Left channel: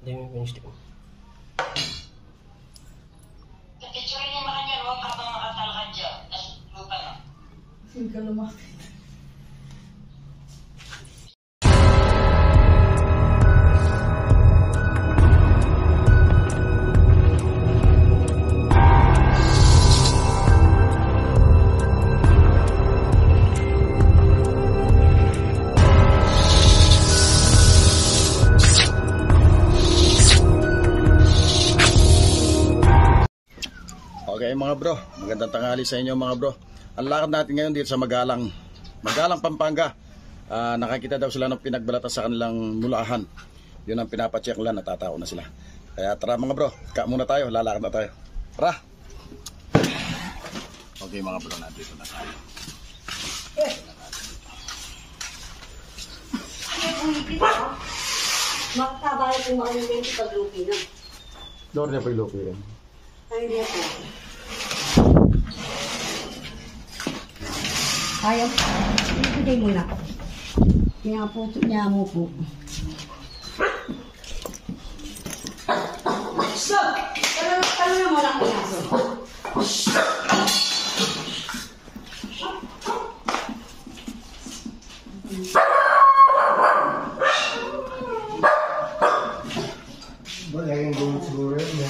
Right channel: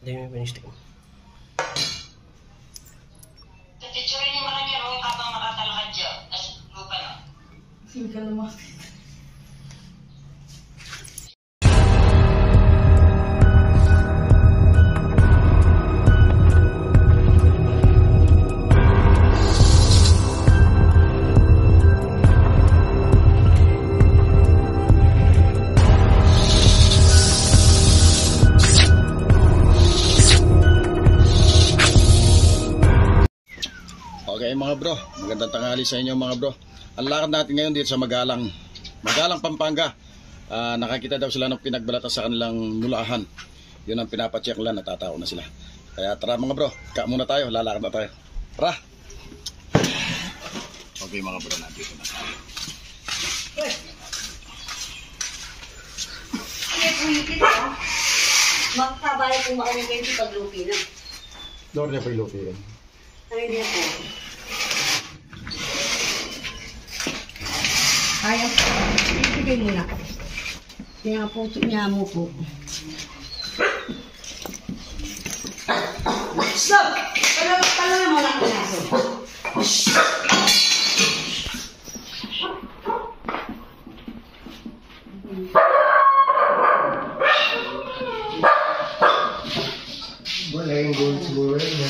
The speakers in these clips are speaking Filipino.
Hindi mo pinistip mo. Picture niya mga yan, huwag habang nakatalakad dyan. Tapos lupa na. Sige ka lumapit. Okay mga bro, magandang tanghali sa inyo mga bro. Ang lakad natin ngayon dito sa Magalang Pampanga. Nakakita daw sila ng pinagbalatan sa kanilang mulahan. Yun ang pinapacheck lang, natatao na sila. Kaya tara mga bro, muna tayo, lalakad na tayo. Tara! Okay mga bro, nandito na tayo. Magkabayan kung makalimento pag lupi na. Lord niya pa yung lupi yan. Ay, hindi po. Kaya, ibigay mo na. Kaya po, niya mo po. Stop! Pala mo lang ang aso. Wala yung gold siguro yun.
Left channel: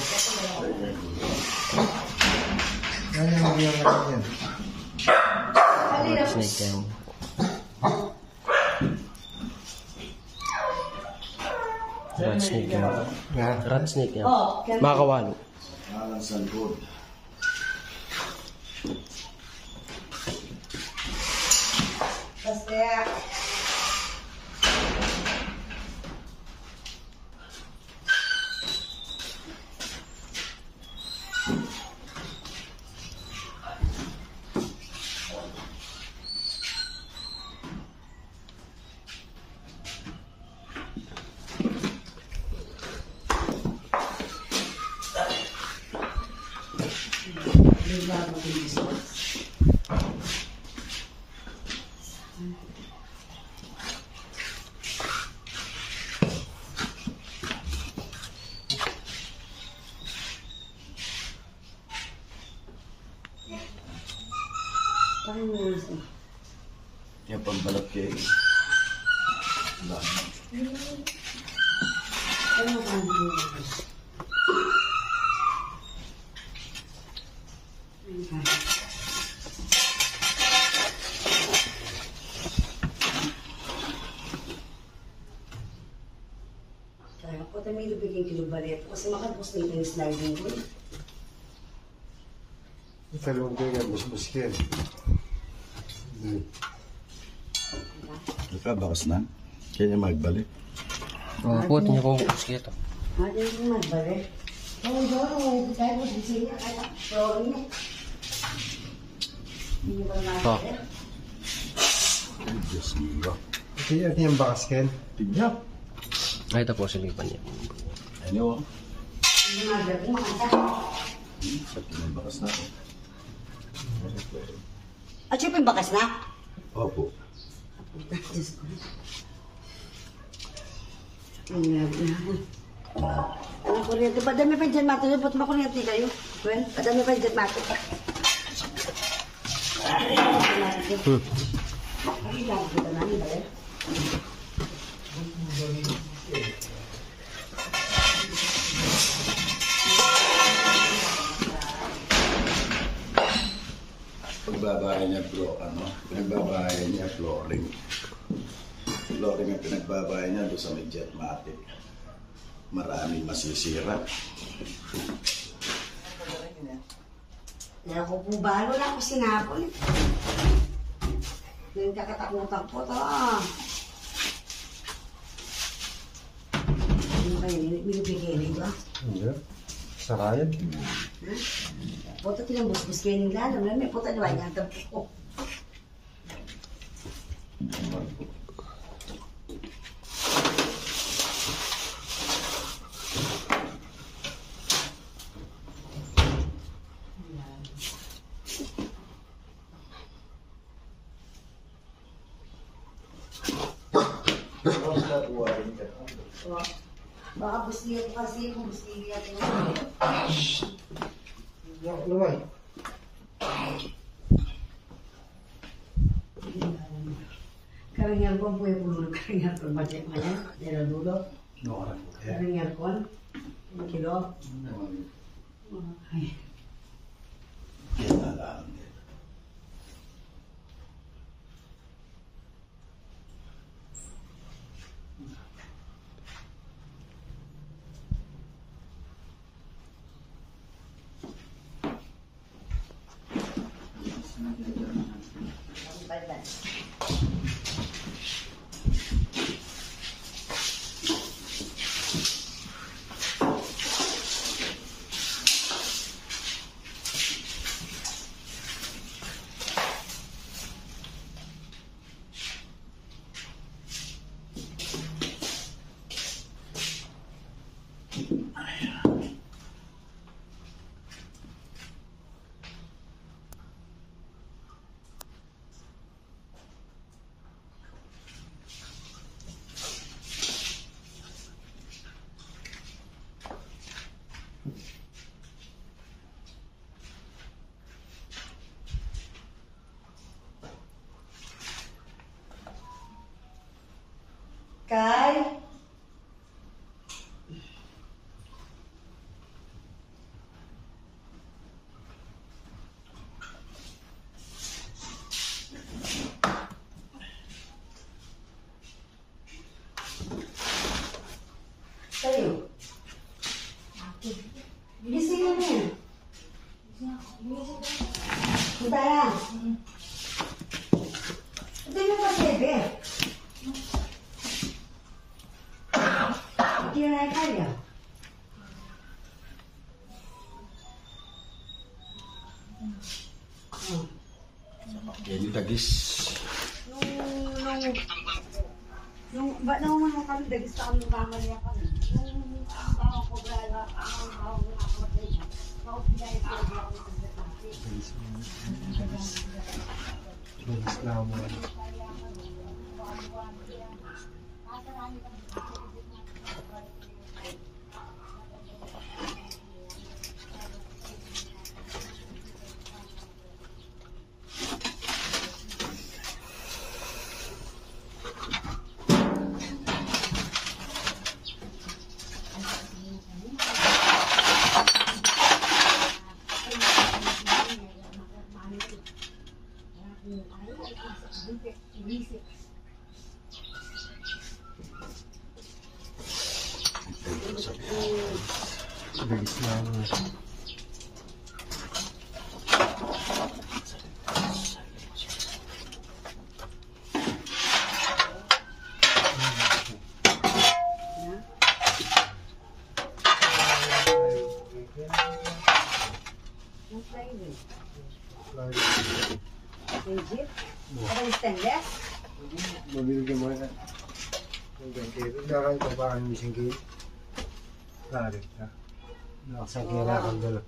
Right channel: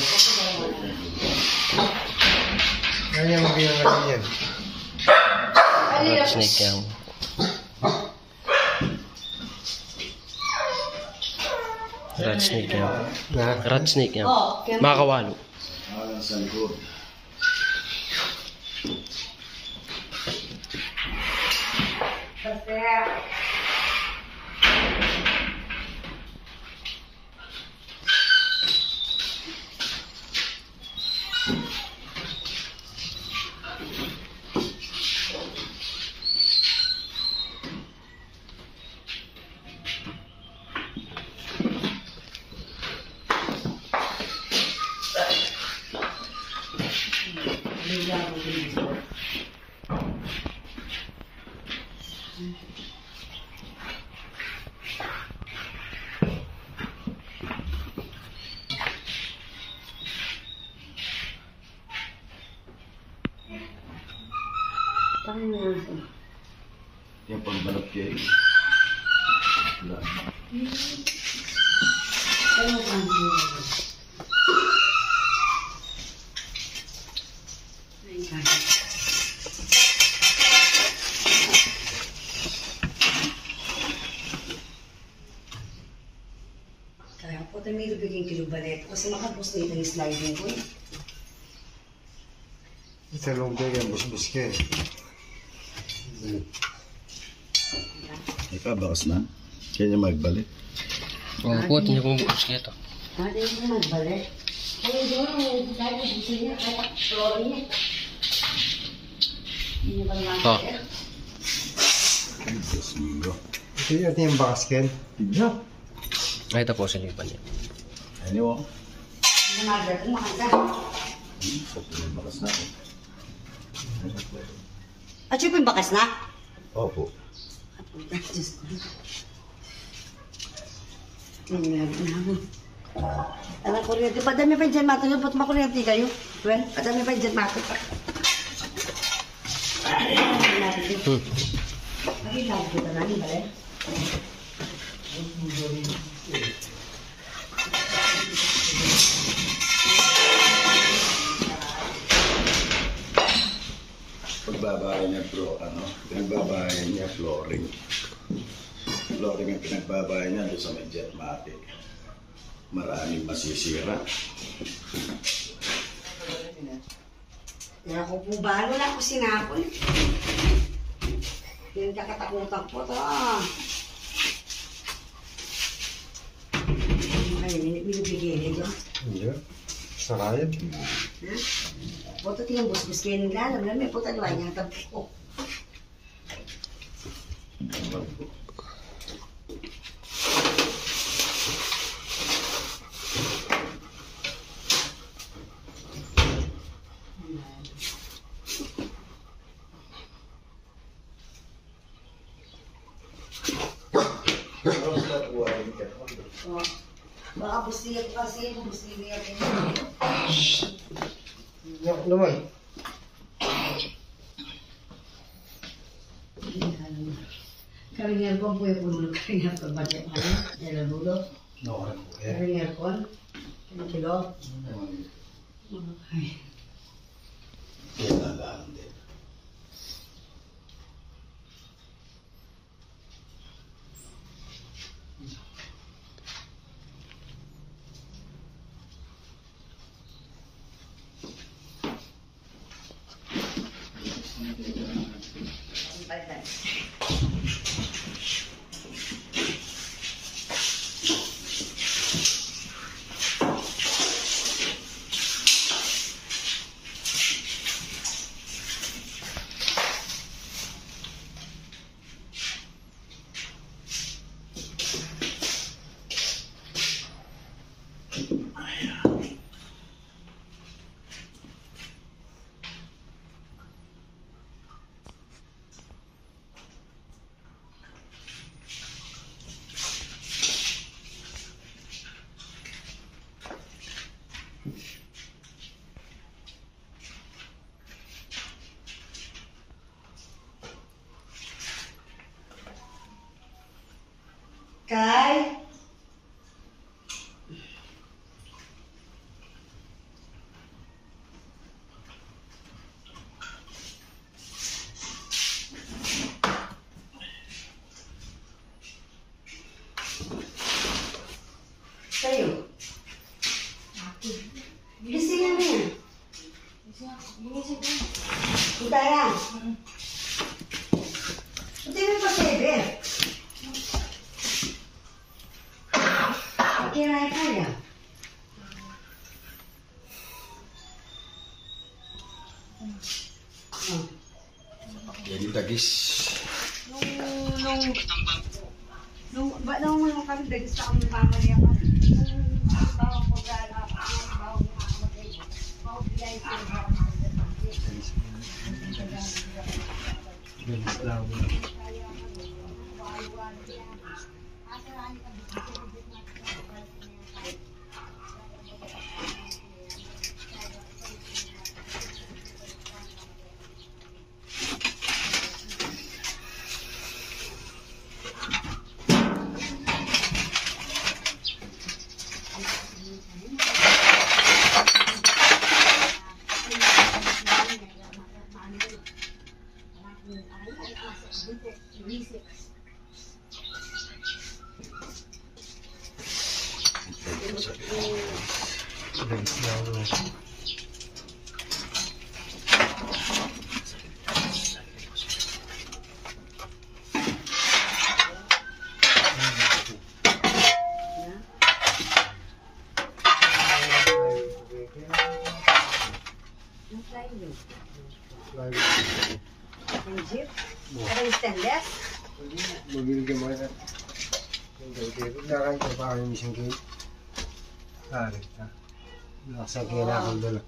Ano yung magiging yan? Rat snake yan. Rat snake yan. Rat snake yan. Makakawalo. Alang sa likod. Basta. Yung pagbalap kayo. Kaya po tayo may biging kilubalet kasi makapos na yung sliding ko. Sa lumpia yan, busbus ka eh. Ikaw, bakas na. Kaya niya magbalik. Ang puto niya pong bukas nito. Hindi mo magbalik. Ay, doon, tayo mo bisina, kaya flooring niya. Hindi mo pala magbalik. Diyos mo. Ito yung basket. Tignan. Ay, ito po silipan niya. Anyway. Hindi mo magbalik, makanta. Sa pinabakas natin. At siya po yung bakas na? Opo. Diyos ko. Ay, meron na ako. Alang kuryente. Padami pa dyan mato. Ba't makuryente kayo? Well, padami pa dyan mato. Ay, lang kita na niba eh. Pagbabahay niya bro, pinagbabahay niya flooring. Flooring ang pinagbabahay niya doon sa may Jetmatic. Maraming masisira. Kaya ko po balo na ako sinapon. Yung kakatakutan po to. Ano kayo, binibigyan niyo dyan? Hindi. Sarayad. Ha? Puto tinang busbus kayo nila. Alam na, may puto naman niya ang tabi ko. Baka bustiya ko kasi, bustiya niya din. Naman. Karingan ko po yung pululog. Karingan ko ba siya kanya? Yan ang dulo. Karingan ko. Ang kilo. Okay. Bye-bye. Kai? Kayo? Gisingan niya. Punta yan. Punta mo pa sebe. Kira kaya. Yan yung dagis. Nung mo kami begis sa kami family ako. Nung bawa ko gala, bawa ko ako tayo. Bawa bilay ko ako sa Bilis lang mo. Bilis lang mo. Jeep? Ada stainless? Mabibigyan mo na. Daray ka pa kayo isang gate. Daray ka. Nakasaya kailangan dala.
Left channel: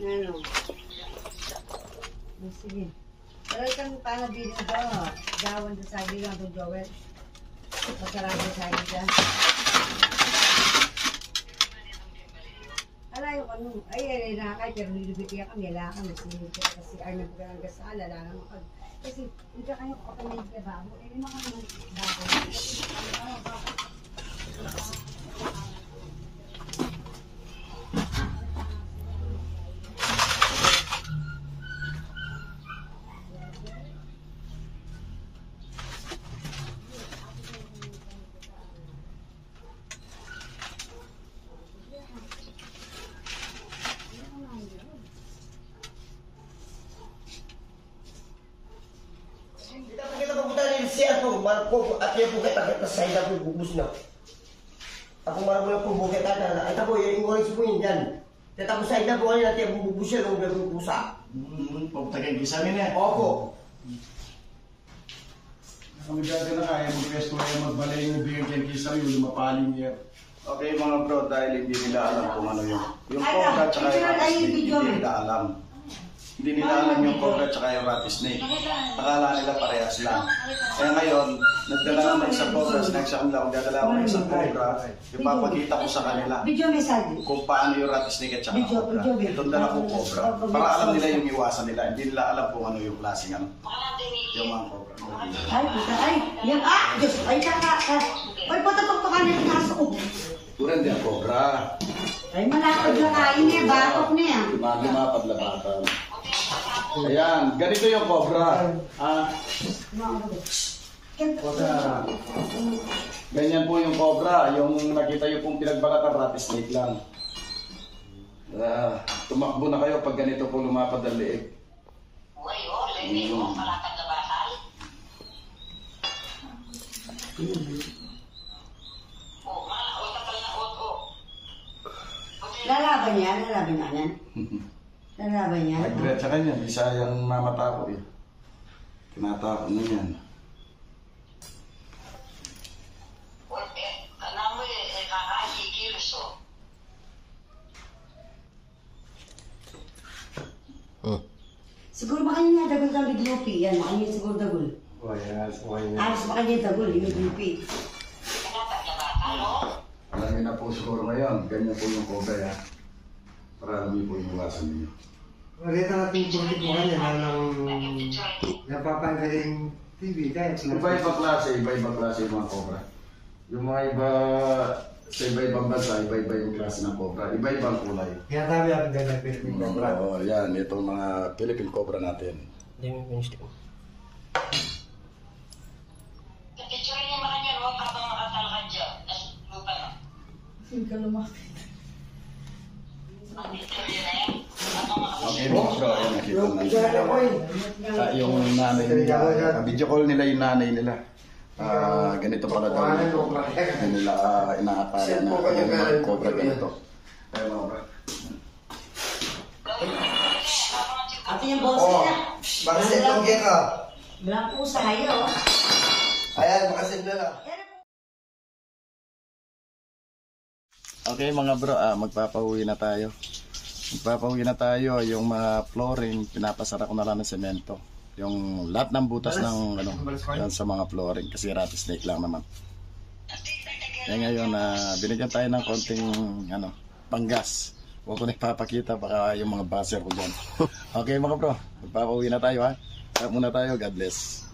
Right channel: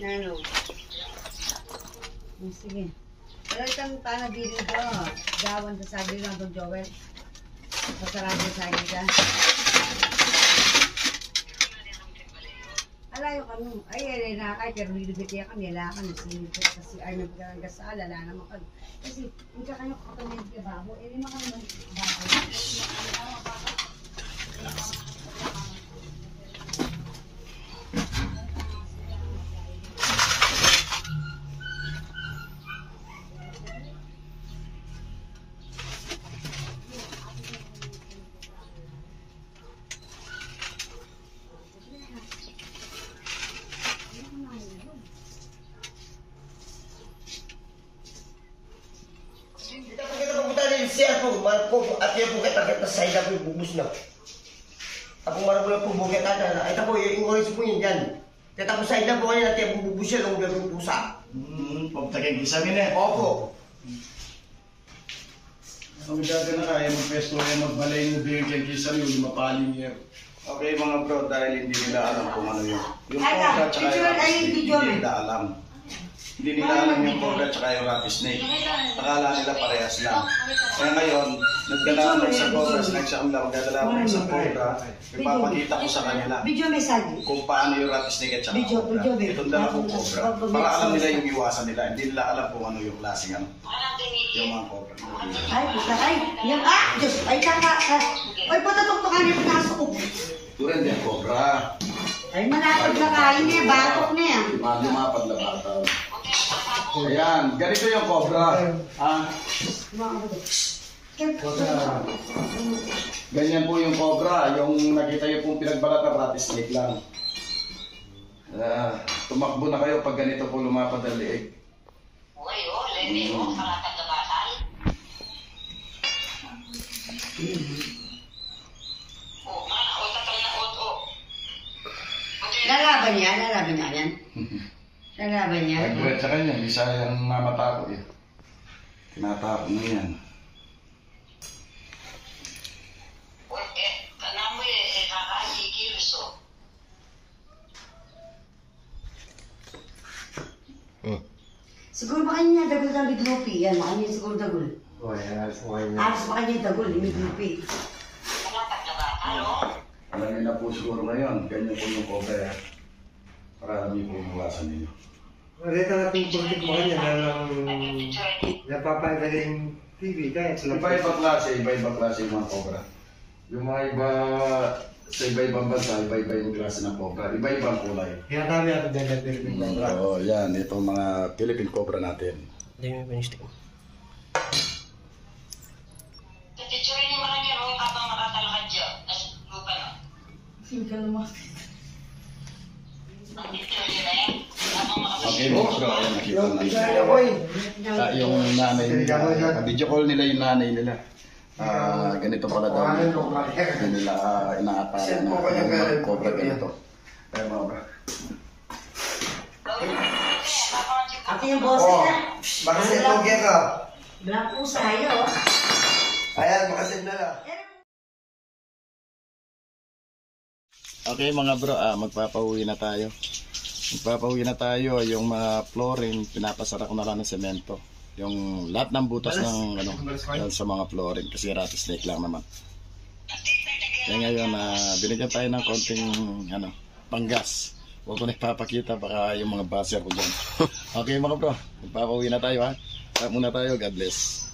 Ano? Sige. Pero itang tanabili ko, gawan sa sagli lang itong Joel. Masarang sa sagli ka. Alayo ka nung, ay, nakakay, pero nilibit niya kami, ala ka, nagsinip ko kasi ay nagkagasal, ala naman kag. Kasi, hindi ka kayo kapatid ka babo, eh, lima kami ng babo. Kita pupunta din siya po, marpo at yan po kita sa ida po bubus na. Ako marpo po buket ada, ita po yung orange po yun dyan. Kita po sa ida po kanina natin bubus siya ng gagawin pusa. Pagtagay isamin eh. Opo. Ang gaga na kaya mag-pesto ay magbalay ng bigyan kisa yung mapaling year. Okay mga bro, dahil hindi nila alam kung ano yung Ano? pongka tsaka Picture yung ay hindi video, nila alam. Hindi nila alam yung cobra at saka yung rattlesnake. Akala nila parehas lang. Kaya ngayon, nagdala ako ng isang cobra, sinagsya ko nila, magdadala ako ng isang cobra, ipapakita ko sa kanila Video message. kung paano yung rattlesnake at saka Video, cobra. video, video. Itong dala kong cobra. Para alam nila yung iwasan nila. Hindi nila alam kung ano yung klaseng ano. Yung mga cobra. Ay, puta, ay. Yan, Diyos, ay, kaka. Ay, patatuktukan yung kaso. Turen din ang cobra. Ay, malapad na kain eh, batok na yan. Lumapad na bata. Ayan, ganito yung cobra. Ganyan po yung cobra. Yung nakita nyo pong pinagbalat na rattlesnake lang. Tumakbo na kayo pag ganito po lumapad ang leeg. Lalaban niya yan. Lalaban niya. Nagbirat sa kanya, hindi sayang mamatako eh. Tinatako mo yan. Siguro makanya niya dagol ng bidlupi. Yan, makanya siguro dagol. Oh, yan. Alas makanya dagol, bidlupi. Alam niyo na po siguro ngayon, ganyan po yung cobra yan. Para alam niyo po yung iwasan ninyo. Rita natin yung mo kanya na lang napapagaling TV kahit sa Iba-ibang klase yung mga cobra. Yung mga iba, sa iba-ibang bansa, iba-iba yung klase ng cobra. Iba-ibang kulay. Kaya kami ako dahil na Philippine Cobra. Oo, yan. Ito mga Philippine cobra natin. Hindi mo finish tayo. Picture niyo man yan, huwag habang makatalakad dyan. Lupa na. Sino ka naman? Picture niyo na yan. Habang Okay mga bro, ayan nakita na yung nanay nila. Video call nila yung nanay nila. Ganito pala daw. Hindi nila inaataya na yung mga cobra ganito. Kaya mga bro. Ate yung boss niya. Makasin mo ka. Bilang pusa kayo. Ayan, makasin na lang. Okay mga bro, magpapauwi na tayo. Yung mga flooring, pinapasara ko na lang ng semento. Yung lahat ng butas ng yan sa mga flooring kasi rattlesnake lang naman. Kaya ngayon, binigyan tayo ng konting panggas. Huwag ko nagpapakita baka yung mga baser ko dyan. Okay mga bro, magpapauwi na tayo ha. Muna tayo, God bless.